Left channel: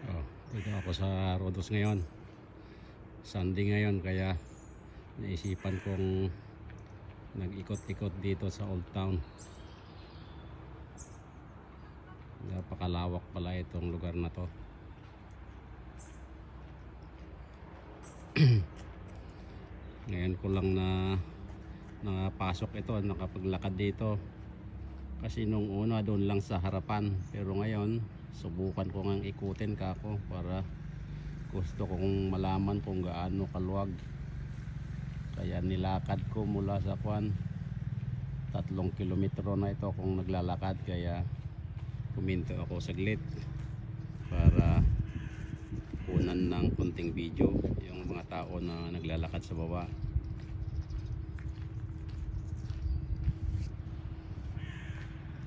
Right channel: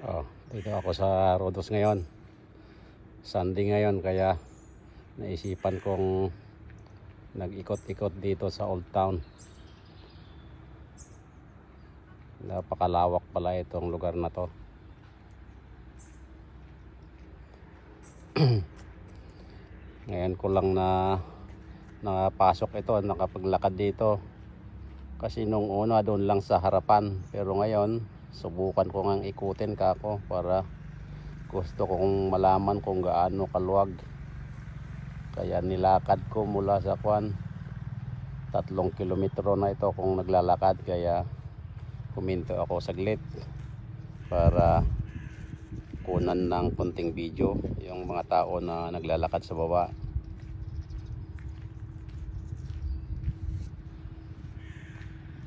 Oh, dito ako sa Rodos ngayon. Sunday ngayon, kaya naisipan kong nag-ikot-ikot dito sa Old Town. Napakalawak pala itong lugar na to. Ngayon ko lang na nakapasok ito, nakapaglakad dito. Kasi nung una doon lang sa harapan, pero ngayon subukan ko ngang ikutin kako para gusto kong malaman kung gaano kaluwag. Kaya nilakad ko mula sa Kwan, 3 kilometro na ito kung naglalakad, kaya huminto ako saglit para kunan ng kunting video yung mga tao na naglalakad sa baba.